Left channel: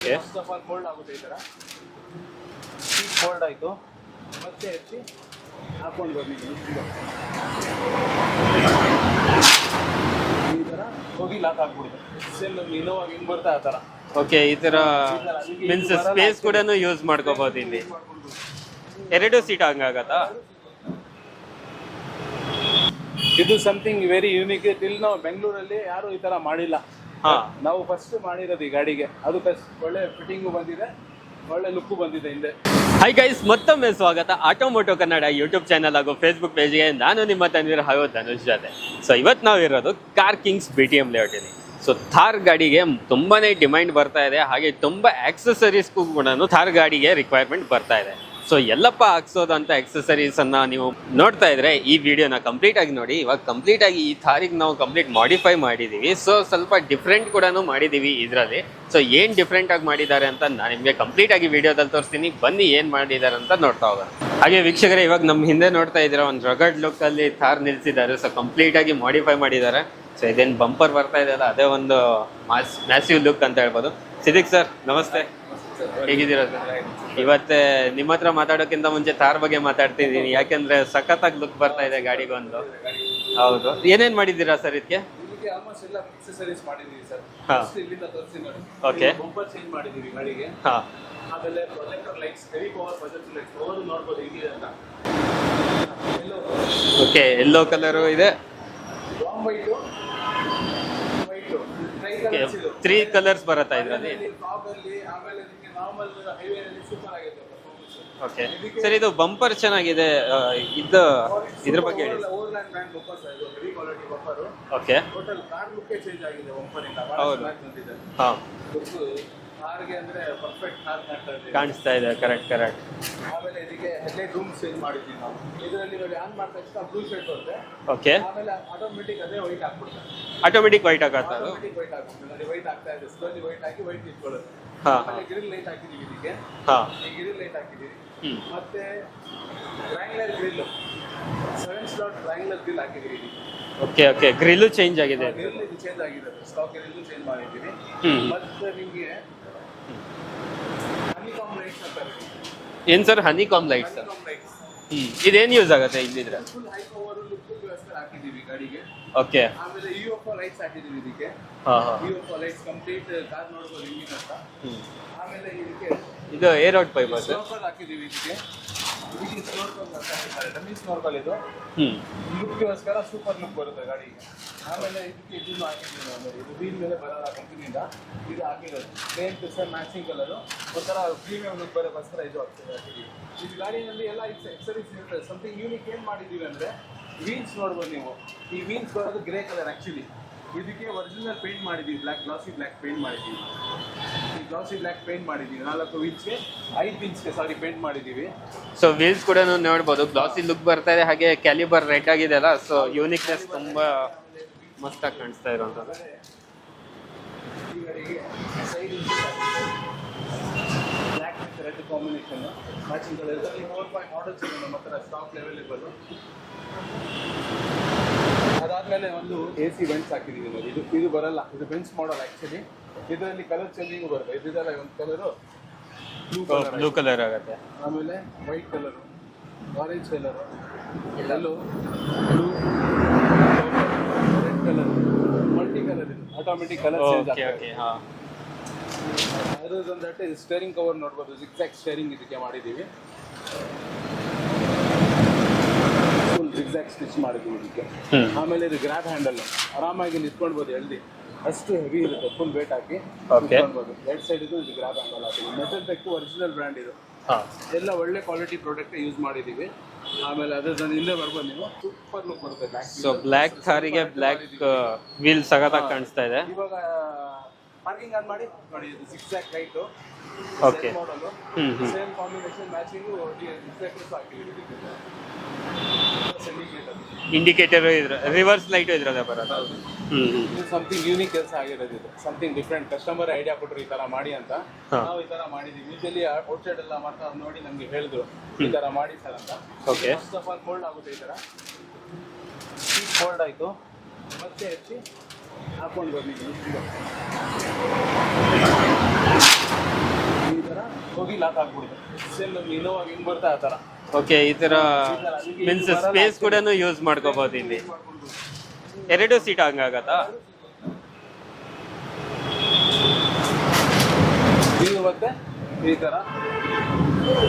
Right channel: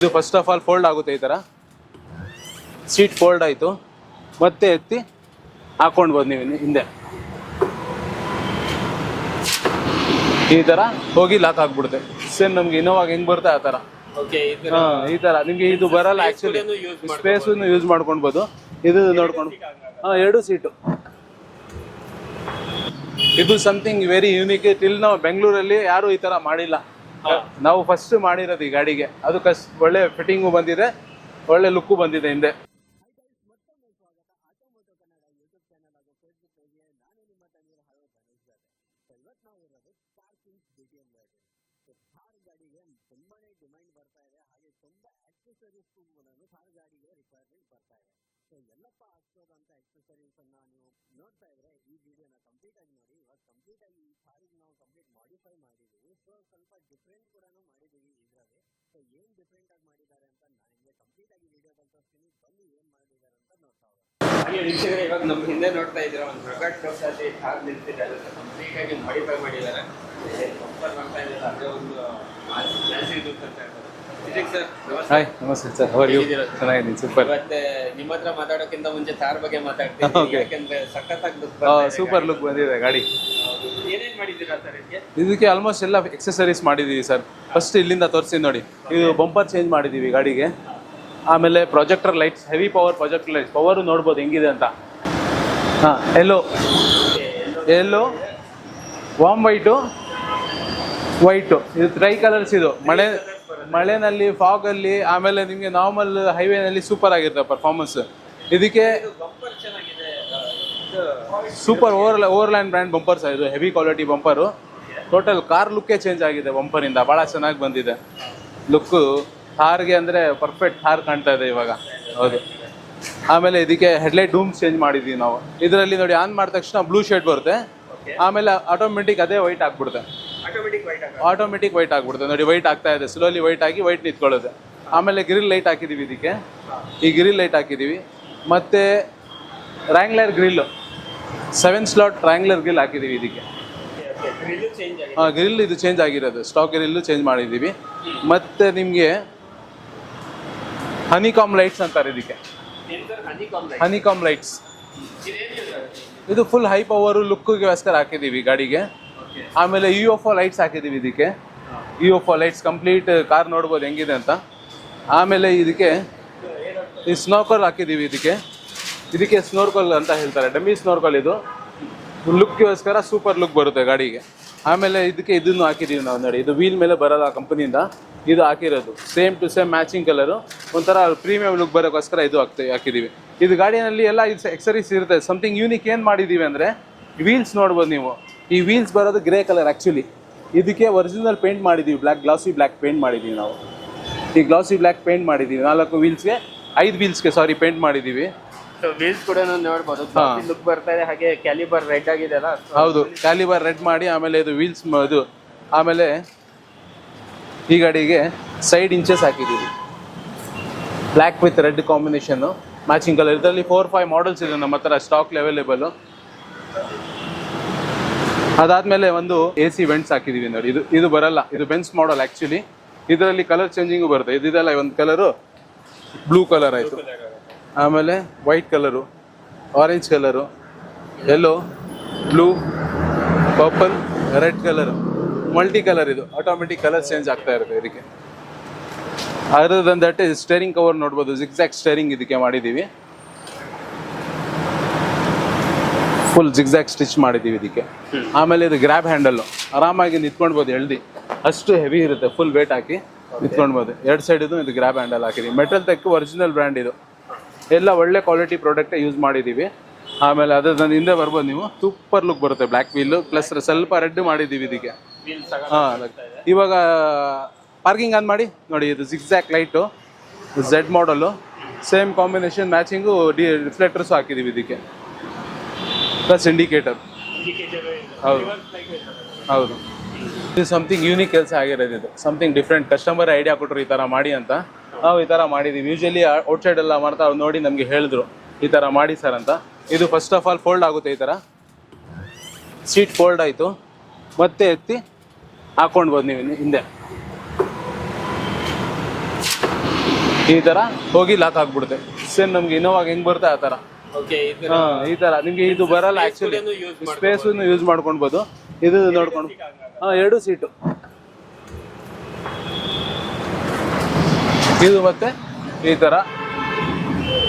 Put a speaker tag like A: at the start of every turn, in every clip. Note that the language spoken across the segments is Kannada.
A: ಇದು ಫಸ್ಟ್ ಆಫ್ ಆಲ್ ಫೋಲ್ಡ್ ಆಗುತ್ತೆ ಈ ತರ. ಸೀಟ್ ಫೋಲ್ಡ್ ಆಯ್ತು. ಮತ್ತೆ ಎತ್ತಿ ಹಾಕೊಂಡ್ಬೋದು ನೀವು ಹಿಂದೆ. ಈ ತರ ಹೋಗಿ ಲಾಕ್ ಆಗ್ಬಿಡುತ್ತೆ. ಸೇಮ್ ನಮ್ಗೆ ಇನೋವಾಗ ಹೆಂಗ್ ಬರುತ್ತೆ ಆ ಥರ
B: ಓಕೆ ಈ ತರ
A: ಈ ತರ. ನಿಮ್ಗೆ ಇದು ಬರಲ್ಲ ಯೂಸ್ ಇದು
B: ಎರಡು ಸೀಟ್
A: ಎರಡು ಇದು ಸಮಥಿಂಗ್ ವೆರಿ ಯೂನಿಕ್ ಟಿಲ್ ನಾವು ಬೆಂಗಳೂರಲ್ಲಿ ಯಾರು ಈ ತರ ಮಾಡಿಲ್ಲ. ನಾವು ಫಸ್ಟ್ ಮಾಡಿರೋದು ಈ ಗಾಡಿಗೆ. ಅದು ಕಸ್ ಒಳ್ಳೆ ಫಿಟ್ಟಿಂಗು ಬಂದಿದೆ ಒಳ್ಳೆ ಲುಕ್ಕು ಬಂದಿದೆ ಹಿಂದೆ.
B: ಹೈ ಗೈಸ್ ಮತ್ತೊಮ್ಮೆ ಸ್ವಾಗತ ಆಟೋಮೋಟೋ ಕನ್ನಡ ಯೂಟ್ಯೂಬ್ ಚಾನಲ್ ಹಾಗೂ ಫೇಸ್ಬುಕ್ ಪೇಜ್ಗೆ ನಾನು ನಿಮ್ಮ ತಂದಿರೋ ಹಾಗೂ ಧನುಷ್ ಜೊತೆ. ಸೊ ಇವತ್ತು ನಾವು ಇರೋದು car kings B T M ಲೇಔಟಿನಿ so Thar ಗಾಡಿಗೆ ತುಂಬಾನೇ ಡಿಮ್ಯಾಂಡ್ ಬರ್ತಾ ಇದೆ ಹಾಗೆ ತುಂಬ ಆಕ್ಸೆಸರೀಸ್ಗೂ ಕೂಡ ಥಾರ್ ಗಾಡಿಗೆ ರಿಕ್ವೈರ್ಮೆಂಟ್ ಬರ್ತಾ ಇದೆ. ಸೊ ಎಲ್ಲಪ್ಪ ಹಾಕ್ಸೋದಂತ ಎಕ್ಸಸರೀಸ್ ಅನ್ನ ನೀವು ನೋಡ್ತಾ ಇದ್ರೆ ಈ ವಿಡಿಯೋನ ಕಂಪ್ಲೀಟ್ ಆಗಿ ನೋಡಿ. ಇವಾಗ ಕಂಪ್ಲೀಟ್ ಆಗಿ ಈ ಥಾರಿಗೆ ನಾವು ಕಂಪ್ಲೀಟ್ ಮಾಡಿಫೈ ಮಾಡಿದೀವಿ. ಸೊ ಸ್ವಲ್ಪ ಡಿಫ್ರೆಂಟ್ ಕೂಡ ಮಾಡಿದೀವಿ ಇದರಲ್ಲಿ. ಸೊ ಏನ್ ಡಿಫ್ರೆಂಟ್ ಆಗಿ ಮಾಡಿದ್ದಾರೆ ಅಂತ ನಾನು ನಿಮಗೆ ಕಂಪ್ಲೀಟ್ ಆಗಿ ವಿಡಿಯೋದಲ್ಲಿ ತೋರಿಸ್ತೀನಿ. ಬನ್ನಿ ಏನ್ ಮಾಡಿದ್ದಾರೆ ಅಂತ ನೋಡ್ತಾ ಹೋಗೋಣ. ಹಾಗೆ ವೀಕ್ಷಕರೇ, ಇವಾಗ ನಮ್ಮ ಹಿಂದೆ ನೋಡ್ತಾ ಇದ್ದೀರಾ, ಒಂದು ರಗಡ್ ಲುಕ್ ಅಲ್ಲಿ ಥಾರ್ ನಿಲ್ಸಿದ್ದಾರೆ. ಸೊ ಕಂಪ್ಲೀಟ್ ಆಗಿ ಮಾಡಿಫೈ ಮಾಡಿದ್ದಾರೆ. ಸೊ ಇದೇನು ಬಂಪರ್ ಬರ್ತಾ ಇದೆ ಅಲ್ಲ ಅದೇ ಒಂದು ಮ್ಯಾಸಿವ್ ಲುಕ್ ಅಂತ ಹೇಳ್ಬೋದು. ಸಿದಿಕ್ ಸರ್ ನಮಸ್ತೆ.
A: ಹಾಯ್ ನಮಸ್ತೆ ಸರ್
B: ಹೇಗಿದ್ದೀರಾ? sir?
A: ಚೆನ್ನಾಗಿದ್ದೀನಿ ಸೂಪರ್
B: ಇವತ್ತೆ ನಿಮ್ಮ ಹತ್ರ ಮಾತಾಡೋಕ್ಕಿಂತ ಮುಂಚೆ ತಾರ್ ಬಗ್ಗೆ ಮಾತಾಡ್ತಿದ್ದೀನಿ ಯಾಕೆಂದ್ರೆ ಸಖತ್ತಾಗಿ ಲುಕ್ ಬರ್ತಾ ಇದೆ
A: ಸೂಪರ್
B: ಗಾಡಿ
A: ಲುಕ್
B: ಬಂದು.
A: ಬಂದಿದೆ ಗಾಡಿ.
B: ಹೌದು. ಏನೇನ್ ಮಾಡಿದ್ದೀರಾ ಸರ್ ಇದಕ್ಕೆ
A: ಇದಕ್ಕೆ ಆಲ್ಮೋಸ್ಟ್ ಎಲ್ಲ ಎಕ್ಸೆಸರೀಸ್ ಮಾಡಿದೀವಿ ಸರ್ ಫಸ್ಟ್ ಇಲ್ಲಿಂದ ತೋರಿಸಿ ನೋಡಿ. ಇದು ಬಂಪರ್ ಚೇಂಜ್ ಮಾಡಿದೀವಿ ಗಾಡಿಗೆ.
B: ಹಾ.
A: ಆಮೇಲೆ projector lights heavy power projector lights power ನೋಡ್ಬೋದು ಹೆಂಗಿದೆ ಅಂತ. ಹಾ ಎಲ್ಲೋ
B: ಓಕೆ ಎಲ್ಲೋ
A: ಎಲ್ಲೋ
B: ಇದೆ.
A: ವಾಮ್ ವೈಟು ವೈಟ್ ಇದು ಟ್ರೈ ಕಲರ್ಸ್ ಇದು. ಮಳೆ
B: ಕಲರ್ಸ್ ಬರುತ್ತೆ
A: ಮಳೆನಲ್ಲಿ ಫಾಗ್ ಅಲ್ಲಿ ಆಮೇಲೆ ನಿಮಗೆ ನಾರ್ಮಲ್ ಹೈವೇನಲ್ಲಿ ಸೂಪರ್ ಆಗಿರುತ್ತೆ ಪರ್ಫಾರ್ಮೆನ್ಸ್. ಇದಕ್ಕೆ
B: ಇದು ಬಂಪರ್ ಚೆನ್ನಾಗಿದೆ ಇದು
A: super over overland brand bumpers ಇದು heavy quality bumper
B: okay
A: total car ಲುಕ್ಕೇ change ಆಗಿದೆ ಬಂಪರ್ ಇಂದ. ಬಹಳ ಚೆನ್ನಾಗಿ ಬಂದಿದೆ.
B: ಹಾ.
A: ಲುಕ್ ಹಾರ್ಗೆ ಅಂದ್ರೆ ಪರ್ಫೆಕ್ಟ್ ಹಾರ್ ಕಾಣ್ತಾ ಇದೆ ಇವಾಗ.
B: ಕಾಣಿಸ್ತಾ ಇದೆ ಕರೆಕ್ಟ್ ಕರೆಕ್ಟ್
A: ಆಮೇಲೆ ಇದಕ್ಕೆ ಹೆಡ್ಲೈಟ್ ಡೂಮ್ ಚೇಂಜ್ ಮಾಡಿದೀವಿ ನಾವು. ಇದರಲ್ಲಿ ನೋಡಿ ಆನ್ ಮಾಡಿದ ತಕ್ಷಣ ಬ್ಲೂ ಶೇಡ್ ಬರುತ್ತೆ.
B: ಓಕೆ
A: ಆಮೇಲೆ ಆಟೋಮೆಟಿಕ್ ಅದೇ ವೈಟ್ ಆಗ್ಬಿಡುತ್ತೆ.
B: ಆಟೋಮೆಟಿಕ್ ವೈಟ್ ಆಗ
A: ಆಟೋಮೆಟಿಕ್ ವೈಟ್ ಆಗ್ಬಿಡುತ್ತೆ. ನೋಡಿ ವೈಟ್ ಆಗ್ತಾ ಇದೆ. ಸ್ಲೋಲಿ ವೈಟ್ ಆಗಿ ವೈಟ್ ನಿಂತ್ಕೊಳ್ಳುತ್ತೆ. ಆಮೇಲೆ ಗ್ರಿಲ್ ಲೈಟ್ ಹಾಕಿದೀವಿ ಇದಕ್ಕೆ. ಈ ಗ್ರಿಲ್ ಲೈಟ್ ಹಾಕಿದೀವಿ. ಮತ್ತೆ Wrangler grill seven slot Wrangler grill ಹಾಕಿದೀವಿ ಇದಕ್ಕೆ.
B: ಓಕೆ ಓಕೆ ಗ್ರಿಲ್ ಚೇಂಜ್ ಆಗಿದೆ.
A: ಗ್ರಿಲ್ ಇದು ಚೇಂಜ್ ಆಗಿರೋದು. ಸ್ಟಾಕ್ ಗ್ರಿಲ್ ಚೇಂಜ್ ಮಾಡಿದೀವಿ. ಮತ್ತೆ ನಿಮ್ಗೆ ಹನಿಕಾಮ್ ಲೈಟ್ಸ್ ಅಂತಾರೆ ಇದಕ್ಕೆ.
B: ಏನ್ sir? Honeycomb light
A: honeycomb lights
B: ಇದೇನ್ ಯೂಸ್ ಆಗುತ್ತೆ ಇಲ್ಲಿ
A: ಇದು ಫುಲ್ ಹೈ ಪವರ್ ಲುಕ್ಗೋಸ್ಕರ ಹಾಕಿದೀವಿ ಗಾಡಿಗೆ.
B: ಓಕೆ
A: ಆಮೇಲೆ ಯು ಎಫ್ ಲೈಟ್ಸ್ ಹಾಕಿದೀವಿ ಇದಕ್ಕೆ. U F lights complete car ನೋಡ್ಬೋದು ಹೆಂಗಿದೆ ಅಂತ. ಆಮೇಲೆ ಇದಕ್ಕೆ
B: ಇದು ಏರ್ ಔಟ್ ಪೈಪ್
A: ಸ್ನೋಕಲ್ ಹಾಕಿದೀವಿ ಇದಕ್ಕೆ. ಇದಕ್ಕೆ ಸ್ನೋರ್ಕಲ್ ಅಂತ ಹೇಳ್ತಾರೆ. ಡಮ್ಮಿ ಸ್ನೋರ್ಕಲ್ ಇದು.
B: ಲುಕ್
A: ಲುಕ್ಗೋಸ್ಕರ ಸೂಪರ್ ಲುಕ್ ಬರುತ್ತೆ ಗಾಡಿಗೆ. ಆಮೇಲೆ ಇದಕ್ಕೆ ಇದನ್ನು ಹಾಕಿದ್ದೀವಿ ನಾವು ನೋಡಿ. ಇದು ವೀಲ್ ಮೇಲೆ ಬರೋಲ್ಲ ಕಂಪನಿಯಿಂದ ಇದು. ಹಾಕಿರೋದು. Same to same matching colour ಒಂಥರ ಪ್ರೀಮಿಯಂ ಲುಕ್ ಬರೋಕ್ಕೋಸ್ಕರ ಇದು ಹಾಕ್ತೀವಿ ಹಾಕಿದ್ದೀವಿ ಇದು ಗಾಡಿಯಲ್ಲಿ ಎಲ್ಲ ಎಕ್ಸರೀಸ್ ಇರುತ್ತೆ. ಸಮಥಿಂಗ್ ಯೂನಿಕ್ ಏನು ಮಾಡಿದ್ದೀವಿ ಅಂದರೆ ವೀಲ್ಸ್ ನೋಡ್ಬೋದು ನೀವು. ಈ ವೀಲ್ಸ್ ಬರೋದು ಗ್ರೇ ಕಲರ್ ಆ್ಯಕ್ಚುಲಿ ಇದಕ್ಕೆ ಒರಿಜಿನಲ್ ಪೇಂಟ್ ಮಾಡಿದ್ದೀವಿ ಬ್ಲ್ಯಾಕ್ ಗ್ಲಾಸಿ ಬ್ಲ್ಯಾಕ್ ಪೇಂಟ್ ಮಾಡಿದ್ದೀವಿ ನಾವು. ಈ ಗ್ಲಾಸಿ ಬ್ಲ್ಯಾಕ್ ಪೇಂಟ್ ಮಾಡಿದ್ದೀವಿ ನಾಲ್ಕು ವೀಲ್ಸ್ಗೆ ಐದು ವೀಲ್ಸ್ಗೆ ಸಾರಿ ಪೇಂಟ್ ಮಾಡಿದ್ದೀವಿ
B: ಸೊ ವೀಲ್ಸ್ ಕೂಡ ನೋಡ್ಬೋದು. ಗ್ಲಾಸಿ ಲುಕ್ ಬರ್ತಾ ಇದೆ. ಹಾಗೆ ಕ್ಯಾಲಿಬರ್ ರೆಡ್ ಆಗಿದೆ ಅಲ್ಲ? ಸೊ
A: ಹೌದು. ಕ್ಯಾಲಿಬರ್ ರೆಡ್ ಮಾಡಿ ಆಮೇಲೆ ಇದು ವೀಲ್ಸ್ ಇದು ಆಮೇಲೆ ಈ ಗಾಡಿಗೆ ಸೈಡ್ ಇಂಚಸ್ ಹಾಕಿದ್ದೀವಿ. Black with red combination matching colour ಇದರಲ್ಲಿ ಫೋರ್ ಫೈವ್ ಮಾಡಲ್ಸ್ ಇದೆ ನಮ್ಮ ಹತ್ರ. ಸ್ಟಾಕ್ ಅವೈಲೇಬಲ್ ಅದಾದ್ಮೇಲೆ ಒಂದು ಎ ಸಿ ವೆಂಟ್ಸ್ ಹಾಕಿದೀವಿ ನೋಡಿ. ಇದು ಇದು ಬರಲ್ಲ. ಇದು ಬೆನ್ಸ್ ಮಾಡಲ್ ಆಕ್ಚುಲಿ ಇದರಲ್ಲಿ ಕಲರ್ ಚೇಂಜಿಂಗು ಬರುತ್ತೆ. ಇದೆಲ್ಲ ಒಂದು colour blue colour
B: blue colour ಆಗುತ್ತೆ.
A: ಆಮೇಲೆ white colour orange colour yellow blue purple red colour multi colour ಇದು. ಆಟೋಮೆಟಿಕ್ ಕಲರ್ ಚೇಂಜ್ ಆಗ್ತಾ ಇರುತ್ತೆ ಇದಕ್ಕೆ. Other than that steering cover ನೋಡ್ಬೋದು. ಜಿಗ್ಸಾಕ್ ಸ್ಟೇರಿಂಗ್ ಇದಕ್ಕೆ ಮಾಡಿದ್ದೀವಿ. ಫುಲ್ ಜಿಗ್ಸಾಕ್ ಸ್ಟಿಚ್ ಮಾಡಿದ್ದೀವಿ ಇದಕ್ಕೆ. ಆಮೇಲೆ ಇದು ಗ್ರ್ಯಾಬ್ ಹ್ಯಾಂಡಲ್ ಆರಾಮಾಗಿ ನಿಂತ್ಕೊಳ್ಬೋದು ಎಳ್ದಿ. ಅಷ್ಟು ಹೆವಿ ಇರುತ್ತೆ ಫುಲ್ ವೇಟ್ ಹಾಕಿ. ನಿಂತ್ಕೊಳ್ಬೋದು ಎರಡು ಸೈಡ್ ಇದು ಇದು ಗ್ರಾಬ್ ಹ್ಯಾಂಡಲ್ ಹಾಕಿದೀವಿ. ಮೆಟಲ್ ತೆಕ್ ಒರಿಜಿನಲ್ ಬ್ರ್ಯಾಂಡ್ ಇದು. ಎಲ್ಲ ಒಳ್ಳೆ ಕ್ವಾಲಿಟಿ ಪ್ರಾಡಕ್ಟ್ ಯೂಸ್ ಮಾಡಿದೀವಿ. ಆಮೇಲೆ ಅದ್ರ ಹಿಂದೆ ಬರ್ಬೋದು ನೀವು. ಸೂಪರ್ ಲುಕ್ ಬರುತ್ತೆ. ಬ್ಲಾಕ್ ವೀಲ್ ಸ್ವಲ್ಪ ರೆಡ್ ಮಾಡಿದೀವಿ ಇದಕ್ಕೆ
B: ವೀಲ್ ಇದೆ.
A: ಇವಾಗ ಪಾರ್ಕಿಂಗ್ ಆನ್ ಮಾಡಿ. ನೋಡಿ ಇದು zigzag light Z model same combination matching D reflectors ಹಾಕಿದೀವಿ ಇದಕ್ಕೆ. Plus indicator
B: indicator reverse light
A: ಹೌದು. ಇದು ಸಮಥಿಂಗ್ ಯೂನಿಕ್ ಕೆಲಸ ಆಗಿರೋದು ಇದು. ಸಮಥಿಂಗ್ ಡಿಫ್ರೆಂಟ್ ಕಸ್ಟಮರ್ ಐಡಿಯಾ ಕೊಟ್ಟರು ಈ ತರ ಮಾಡಿ ಅಂತ. ನಾವು ಈ ತರ ಮಾಡಿದೀವಿ. ಯೂಶಲಿ ಔಟ್ಸೈಡ್ ಎಲ್ಲ ಮಾಡ್ತಾ ಅವ್ರು ನೋಡಿ ನಮ್ಗೆ ಹೇಳಿದ್ರು. ಈ ತರ ಮಾಡಿ ಸರ್ ಅಂತ. ಇದು ಫಸ್ಟ್ ಆಫ್ ಆಲ್ ಫೋಲ್ಡ್ ಆಗುತ್ತೆ ಈ ತರ. ಸೀಟ್ ಫೋಲ್ಡ್ ಆಯ್ತು. ಮತ್ತೆ ಎತ್ತಿ ಹಾಕೊಂಡ್ಬೋದು ನೀವು ಹಿಂದೆ. ಈ ತರ ಹೋಗಿ ಲಾಕ್ ಆಗ್ಬಿಡುತ್ತೆ. ಸೇಮ್ ನಮ್ಗೆ ಇನ್ನೋವಾಗ ಹೆಂಗ್ ಬರುತ್ತೆ ಆ ತರ.
B: ಓಕೆ ಈ ತರ
A: ಈ ತರ. ನಿಮ್ಗೆ ಇದು ಬರಲ್ಲ
B: ಯೂಸ್
A: ಯೂಸ್ ಮಾಡ್ಕೊಳ್ಬೋದು ಇದು
B: ಎರಡು ಸೀಟ್ ಹಂಗಾಗತ್ತ?
A: ಎರಡು ಸೀಟು ಇದು ಮತ್ತೆ ಈ ತರ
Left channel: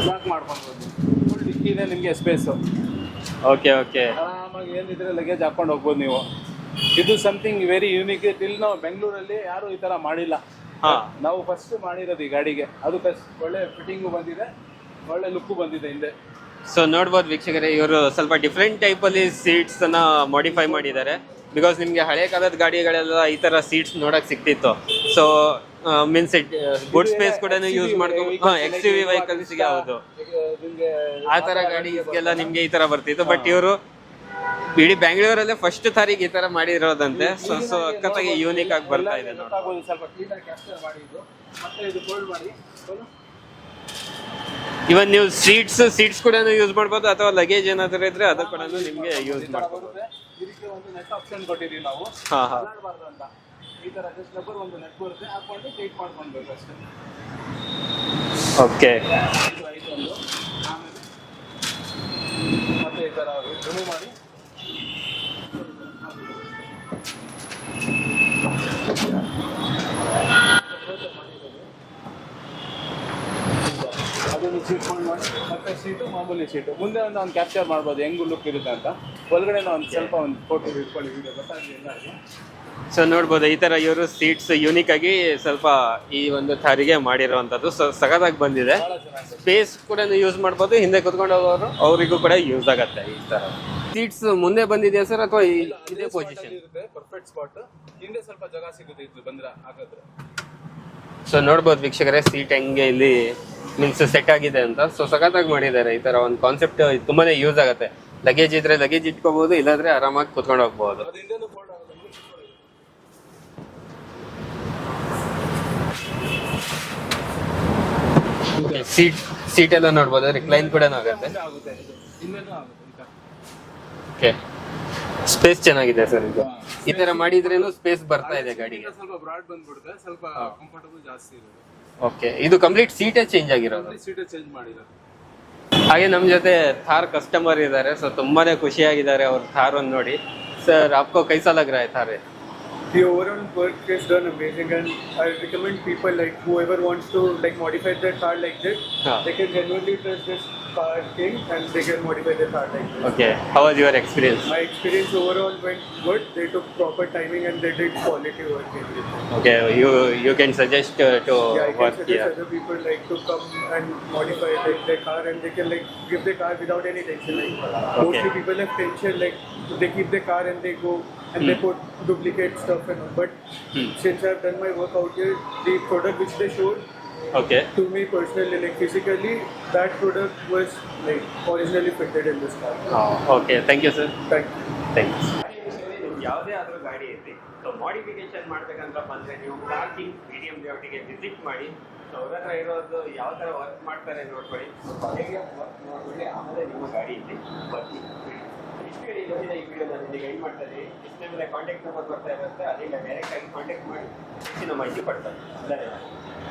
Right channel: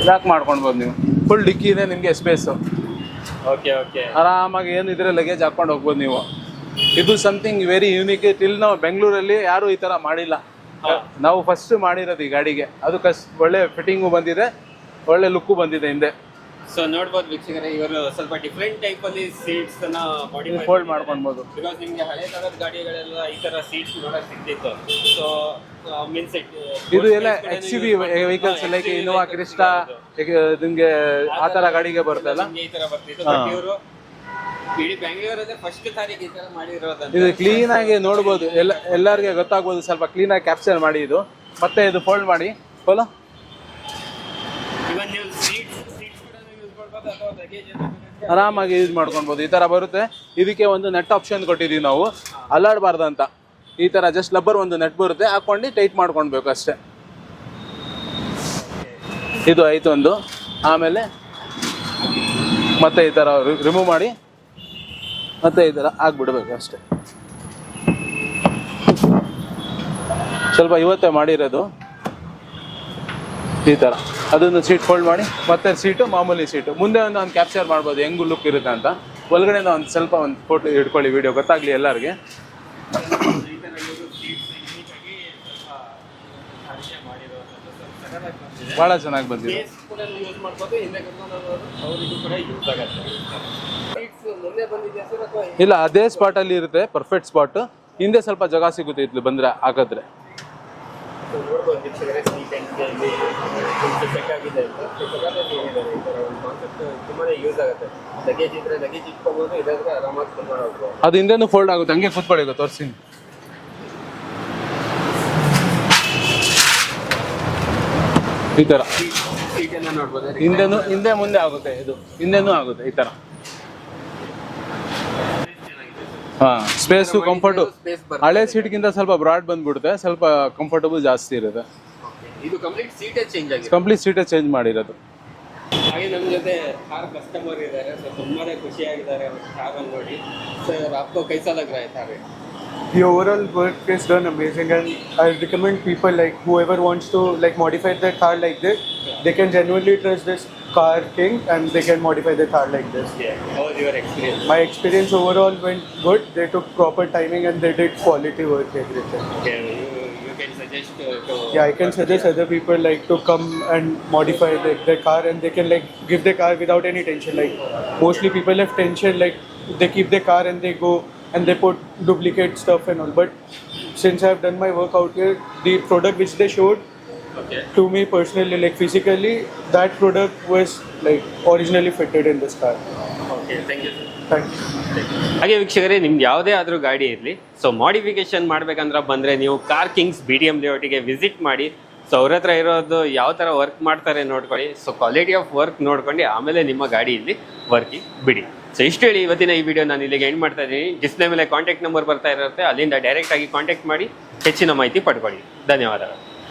A: ಲಾಕ್ ಮಾಡ್ಕೊಳ್ಬೋದು ನೀವು ಫುಲ್ ಡಿಕ್ಕಿ ಇದೆ ನಿಮಗೆ ಸ್ಪೇಸು
B: ಓಕೆ ಓಕೆ
A: ಆರಾಮಾಗಿ ಏನಿದ್ರೆ ಲಗೇಜ್ ಹಾಕೊಂಡು ಹೋಗ್ಬೋದು ನೀವು. ಇದು ಸಮಥಿಂಗ್ ವೆರಿ ಯೂನಿಕ್ ಟಿಲ್ ನಾವು ಬೆಂಗಳೂರಲ್ಲಿ ಯಾರು ಈ ತರ ಮಾಡಿಲ್ಲ.
B: ಹಾ.
A: ನಾವು ಫಸ್ಟ್ ಮಾಡಿರೋದು ಈ ಗಾಡಿಗೆ. ಅದು ಕಸ್ ಒಳ್ಳೆ ಫಿಟ್ಟಿಂಗು ಬಂದಿದೆ ಒಳ್ಳೆ ಲುಕ್ಕು ಬಂದಿದೆ ಹಿಂದೆ.
B: ಸೊ ನೋಡ್ಬೋದು ವೀಕ್ಷಕರೇ ಇವರು ಸ್ವಲ್ಪ ಡಿಫ್ರೆಂಟ್ ಟೈಪ್ ಅಲ್ಲಿ ಸೀಟ್ಸ್ ಅನ್ನ ಮಾಡಿಫೈ ಮಾಡಿದ್ದಾರೆ. ಬಿಕಾಸ್ ನಿಮ್ಗೆ ಹಳೆ ಕಾಲದ ಗಾಡಿಗಳೆಲ್ಲ ಈ ತರ ಸೀಟ್ಸ್ ನೋಡಕ್ ಸಿಕ್ತಿತ್ತು. ಸೊ ಮೀನ್ಸ್ ಕೂಡ
A: ನಿಮ್ಗೆ
B: ಈ ತರ ಬರ್ತಿತ್ತು. ಬಟ್ ಇವರು ಇಡೀ ಬೆಂಗಳೂರಲ್ಲೇ ಫಸ್ಟ್ ತಾರೀಕು ಈ ತರ ಮಾಡಿರೋದಂತೆ.
A: ಕ್ಲೀನ್ ಆಗಿ ಎಲ್ಲ ಎಲ್ಲರಿಗೆ ಗೊತ್ತಾಗ್ಬೋದು ಸ್ವಲ್ಪ ಕ್ಲೀನ್ ಆಗಿ ಕ್ಯಾಪ್ಚರ್ ಮಾಡಿ ಇದು. ಮತ್ತೆ ಇದು ಫೋಲ್ಡ್ ಮಾಡಿ. ಫೋಲೋ
B: ಇವನ್ ನೀವು ಸೀಟ್ಸ್ ಸೀಟ್ಸ್ ಕೂಡ ಯೂಸ್ ಮಾಡ್ಬೋದು ಅಥವಾ ಲಗೇಜ್ ಏನಾದ್ರು ಇದ್ರೆ
A: ಆರಾಮಾಗಿ ಯೂಸ್ ಮಾಡ್ಕೊಬಹುದು ಈ ತರ ಬರುತ್ತೆ. ಇದಕ್ಕೆ ಒಂದು ನೆಟ್ ಆಪ್ಷನ್ ಕೊಟ್ಟಿದೀವಿ ನಾವು.
B: ಹಾ.
A: ಅಲ್ಲಾಡಬಾರ್ದು ಅಂತ ಈ ತರ ಜಸ್ಟ್ ಲಬ್ಬರ್ ಒಂದು ನೆಟ್ ಬರುತ್ತೆ. ಹಾಕೊಂಡು ಟೈಟ್ ಮಾಡ್ಕೊಳ್ಬೇಕು ಅಷ್ಟೇ.
B: ಓಕೆ
A: ಇದು ಆಯ್ತು ಒಂದು ಆಮೇಲೆ ಮತ್ತೆ ಈ ತರ ರಿಮೂವ್ ಮಾಡಿ ಮತ್ತೆ ಈ ತರ ಹಾಕ್ಬಿಡ್ಬೇಕು ಅಷ್ಟೇ. ಸ್ವಲ್ಪ ಇವತ್ತೇ ಮಾಡಿರೋದು. ಈ ತರ. ಅದನ್ನು ಸೀಟ್ ಫೋಲ್ಡ್ ಮಾಡಿ ಮತ್ತೆ ಸೀಟು ಮಾಮೂಲಿ ಸೀಟು ಮುಂದೆ ಒಂದು ಒಂದು ಕ್ಯಾಪ್ಚರ್ ಮಾಡ್ಬೋದು ಹೆಂಗು ಲುಕ್ ಇರುತ್ತೆ ಅಂತ. ಒಳಗಡೆ ಒಂದು ಸ್ವಲ್ಪ ಒಂದು ಫೋಟೋ ಹಿಡ್ಕೊಳ್ಳಿ ವಿಡಿಯೋ ಗೊತ್ತಾಗ್ಲಿ ಎಲ್ಲರಿಗೆ.
B: ಸೊ ನೋಡ್ಬೋದು ಈ ತರ ಇವರು ಸೀಟ್ಸ್ ಯೂನಿಕ್ ಆಗಿ ಸ್ವಲ್ಪ ಈ ಒಂದು ತಾರಿಗೆ ಮಾಡಿರುವಂತದ್ದು ಸೊ ಸಗದಾಗಿ ಬಂದಿದೆ.
A: ಬಹಳ ಚೆನ್ನಾಗಿ ಬಂದಿದೆ.
B: ಸ್ಪೇಸ್ ಕೂಡ ಯೂಸ್ ಮಾಡ್ಬೋದು ಹಿಂದೆ ಕುತ್ಕೊಂಡು ಹೋಗೋರು ಅವರಿಗೂ ಕೂಡ ಯೂಸ್ ಆಗತ್ತೆ ಈ ತರ. ಸೀಟ್ಸ್ ಮುಂದೆ ಬಂದಿದೆಯಾ ಸರ್ ಅಥವಾ
A: ಇಲ್ಲ ಅದೇ ಸ್ಪಾಟ್ ಅಲ್ಲಿ ಇರುತ್ತೆ ಪರ್ಫೆಕ್ಟ್ ಸ್ಪಾಟ್ ಹಿಂದೆ ಸ್ವಲ್ಪ ಜಾಗ ಸಿಗುತ್ತೆ ಇದ್ಲು ಬಂದ್ರೆ ಹಾಕಿದ್ರೆ
B: ಸೊ ನೋಡ್ಬೋದು ವೀಕ್ಷಕರೇ ಸೀಟ್ ಹೆಂಗೆ ಇಲ್ಲಿ ಮೀನ್ಸ್ ಸೆಟ್ ಆಗಿದೆ ಅಂತ. ಸೊ ಸಖತ್ತಾಗಿ ಮಾಡಿದ್ದಾರೆ ಈ ತರ ಒಂದು ಕಾನ್ಸೆಪ್ಟ್ ತುಂಬಾನೇ ಯೂಸ್ ಆಗುತ್ತೆ. ಲಗೇಜ್ ಇದ್ರೆ ಲಗೇಜ್ ಇಟ್ಕೋಬಹುದು ಇಲ್ಲಾಂದ್ರೆ ಆರಾಮಾಗಿ ಕುತ್ಕೊಂಡು ಹೋಗ್ಬೋದು.
A: ಅದು ಹಿಂದೆನೂ ಫೋಲ್ಡ್ ಆಗುತ್ತೆ. ಹಂಗೆ ಕುತ್ಕೊಳ್ಳಿ ತೋರಿಸಿ ಈ ತರ.
B: ಸೀಟ್ ಸೀಟ್ ಎಲ್ಲ ನೋಡ್ಬೋದು
A: ಹಿಂದೆ ಮುಂದೆ ಆಗುತ್ತೆ ಇದು. ಹಿಂದೆನೂ ಆಗುತ್ತೆ ಈ ತರ.
B: ಸ್ಪೇಸ್ ಚೆನ್ನಾಗಿದೆ ಸರ್
A: ಸ್ಪೇಸ್ ಕಂಫರ್ಟ್
B: ಸ್ಪೇಸ್
A: ಹಳೆ ಸೀಟ್ಗಿಂತ ಸ್ವಲ್ಪ ಬ್ರಾಡ್ ಬಂದ್ಬಿಡುತ್ತೆ ಸ್ವಲ್ಪ ಕಂಫರ್ಟಬಲ್ ಜಾಸ್ತಿ ಇರುತ್ತೆ.
B: ಓಕೆ ಇದು ಕಂಪ್ಲೀಟ್ ಸೀಟೇ ಚೇಂಜ್ ಆಗಿದೆ
A: ಕಂಪ್ಲೀಟ್ ಸೀಟೇ ಚೇಂಜ್ ಮಾಡಿರೋದು.
B: ಹಾಗೆ ನಮ್ಮ ಜೊತೆ ಥಾರ್ ಕಸ್ಟಮರ್ ಇದ್ದಾರೆ ಸೊ ತುಂಬಾನೇ ಖುಷಿಯಾಗಿದ್ದಾರೆ ಅವ್ರ ಥಾರ್ ಅನ್ನು ನೋಡಿ. ಸರ್ ಆಪ್ಕೋ ಕೈಸಾ ಸಾಲ ರಹ Thar
C: The overall work is done amazing, and I recommend people like whoever wants to like modify their car like this, they can genuinely trust this car king and they can modify their car like this.
B: Okay. How was your experience?
C: My experience overall went good. They took proper timing and they did quality work everything.
B: Okay. You you can suggest uh, to
C: yeah, I can suggest other people like to come and modify their, car and they can like give their car without any tension. Like okay. mostly people have tension like they keep their car and they go and mm. they hmm. put duplicate stuff and all. But mm. since I've done my work out here, the product which they showed
B: okay
C: to me personally, like physically, that product was like originally fitted in this car.
B: Okay thank you sir
C: Thank you.
B: ಹಾಗೆ ವೀಕ್ಷಕರೇ ನಿಮ್ಗೆ ಯಾವುದೇ ಆದರೂ ಗಾಡಿ ಇರಲಿ ಸೊ ಮಾಡಿಫಿಕೇಶನ್ ಮಾಡಬೇಕಂದ್ರೆ ಬಂದರೆ ನೀವು car kings B D M ಲೇಔಟಿಗೆ visit ಮಾಡಿ ಸೊ ಅವ್ರ ಹತ್ರ ಇರೋದು ಯಾವ ಥರ ವರ್ಕ್ ಮಾಡ್ತಾರೆ ನೋಡ್ಕೊಳ್ಳಿ ಸೊ ಕ್ವಾಲಿಟಿ ಆಫ್ ವರ್ಕ್ ನೋಡ್ಕೊಂಡು ಆಮೇಲೆ ನಿಮ್ಮ ಗಾಡಿ ಇಲ್ಲಿ ವರ್ಕಿಂಗ್ ಬಿಡಿ. ಸೊ ಇಷ್ಟು ಹೇಳಿ ಇವತ್ತಿನ ಈ ವಿಡಿಯೋ ನಾನು ಇಲ್ಲಿಗೆ ಎಂಡ್ ಮಾಡ್ತಾ ಇದ್ದೀನಿ. ಡಿಸ್ಪ್ಲೇ ಮೇಲೆ ಕಾಂಟ್ಯಾಕ್ಟ್ ನಂಬರ್ ಬರ್ತಾ ಇರುತ್ತೆ ಅಲ್ಲಿಂದ ಡೈರೆಕ್ಟಾಗಿ ಕಾಂಟ್ಯಾಕ್ಟ್ ಮಾಡಿ ಹೆಚ್ಚಿನ ಮಾಹಿತಿ ಪಡ್ಕೊಳ್ಳಿ. ಧನ್ಯವಾದಗಳು.